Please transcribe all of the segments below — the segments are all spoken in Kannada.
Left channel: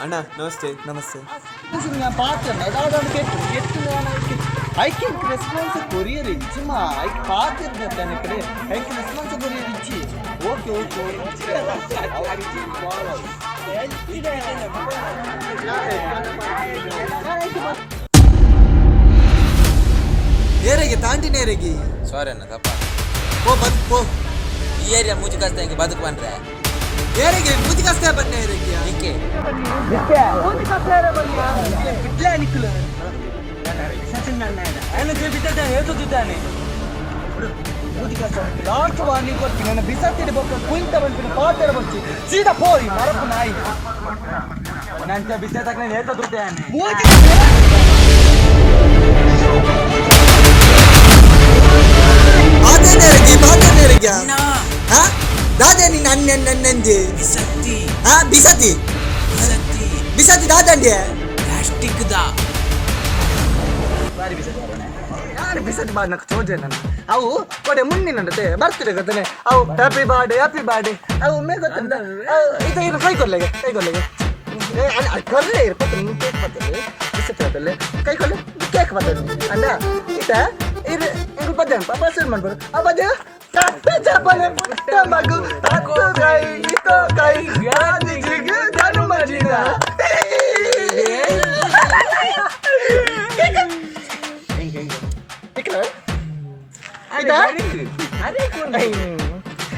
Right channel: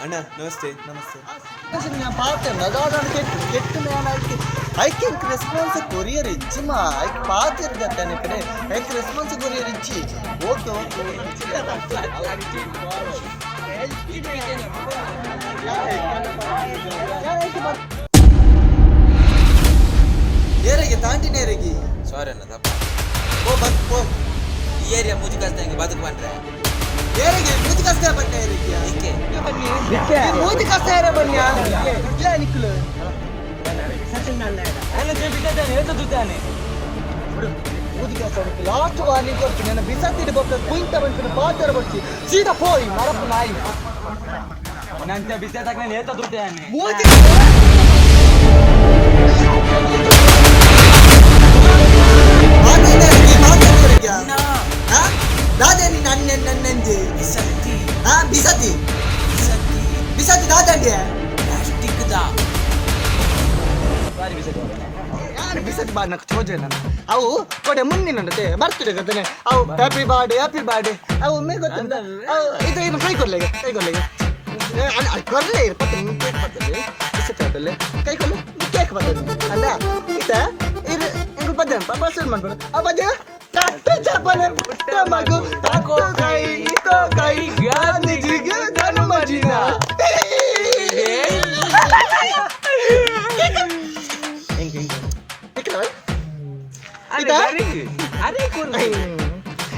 ಅಣ್ಣ ನಮಸ್ತೆ. ನಮಸ್ತೆ. ഞാൻ പാത്രം അതാണ് കേട്ടു ഞാൻ ಐಕ್ ರೆಸ್ಪಾನ್ಸ್ ಕೊರಿಯರ್ ಇಚ್ಚಿ ಮಾ ಐಕ್ ಪಾತಿರ್ಗತ್ತೆ ಕಡೆ ಐಕ್ ರೆಸ್ಪಾನ್ಸ್ ಕೊರಿಯರ್ ಇಚ್ಚಿ ಓಕೆ ಓಕೆ ಏರೆಗೆ ತಾಂಡಿನೇರೆಗೆ ಸಾರಿ ಅಣ್ಣ ತಪ್ಪ ಓ ಬಸ್ ಓ ಈ ಏರಿಯಾ ಮೂಜಿ ಕಷ್ಟ ಹಿಂಗೆ ಬದುಕು ಬಂದ್ರೆ ಏರೆಗೆ ಮೂತಿ ಕಷ್ಟ ಬನ್ನಿ ಏರೆಗೆ ಏಕೆ ಮೂತಿ ಕಷ್ಟ ಏರೆ ಬನ್ನಿ ಇಡ್ಲೇ ನಿಕ್ಕಲು లాస్ట్ వార్నింగ్ వచ్చి నేను బిసత్తిడి బొక్క కుయింత వంపిన పాతర వచ్చి సీదా పోయి మరపు నాయి ನಂತೆ ಬಿದ್ದ ತಕ್ಕ ನಾನು ಏತ ದುಡ್ತೇನೆ ದಾದಾನಿ ನನ್ನಂಜೆ ಬಿಸತ್ತಿ ಬಿಸತಿ ಬಿಸತ್ತಿ ಬಿಸತಿ ದಾದಂಡಿ ಪ್ಲಾಸ್ಟಿಕ್ ದಾ ಬಾರಿ ಬಿಸತ್ತಿ ಯಾರು ಬಿಸತಿ ಬಾಡ್ నాకు ಚೋಜೆ ನನ್ನ ಅವು ಕೊಡೆ ಮುಂದಿನಂತೆ ಬರ್ತಿದೆ ಗೊತ್ತೇನೆ ಅವು ಹ್ಯಾಪಿ ಬರ್ಡೇ ಅವು ಮೇ ಗೊತ್ತಂತ ಇದು ಏನು ಕೈ ಕೊಡ್ಲೆಗೆ ಕೊರ್ಲೆ ಇರ್ಪತ್ತೆ ಕೇಕ್ ಬರ್ತದೆ ಬಿಸತಿ ಬರ್ತದೆ ಕೈ ಕೊಡ್ಲೆ ಕೇಕ್ ಬರ್ತದೆ ಅಲ್ಲ ಇತ ಇದು ಎಂಗು ಪದ್ಯ ಪಾಪ ಮಾಡ್ಬೋದು ಆ ಪದ್ಯ ಕಟ್ಟು ಚಪ್ಪಲೆ ಪುಟ್ಟ ಮಗು ತಕ್ಕೋ ಕೈ ಗಾಂಧೀಜಿಗೆ ಜನ್ಮದಿನ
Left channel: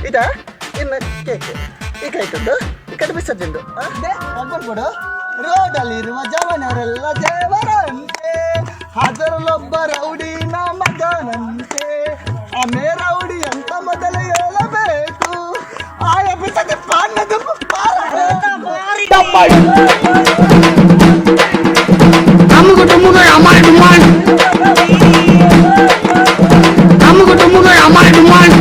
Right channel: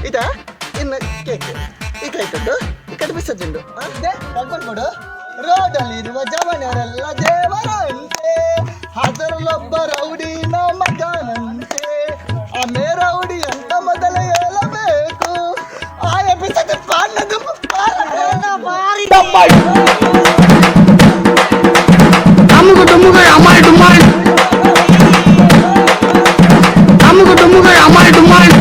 ಇದಾ ಇನ್ನು ಕೇಕ್ ಈ ಕೈ ಕೊಟ್ಟು ಈ ಕಡೆ ಬಿಸತ್ತಿಂದು ಕೊಡು ರೋಡಲ್ಲಿರುವ ಜವನರೆಲ್ಲ ದೇವರಂತೆ ಅದರಲ್ಲೊಬ್ಬ ರೌಡಿ ಮಗನಂತೆ ಆಮೇ ರೌಡಿ ಅಂತ ಮೊದಲೇ ಹೇಳಬೇಕು ಆಯ ಬಿಸತ್ತೆ ಪಾನದು ಅಮ್ಮುಗು ಟುಮ್ಮುಗು ಅಮಾಲ್ ಡುಮಾಲ್ ಅಮ್ಮುಗು ಟುಮ್ಮುಗು ಅಮಾಲ್ ಡುಮಾಲ್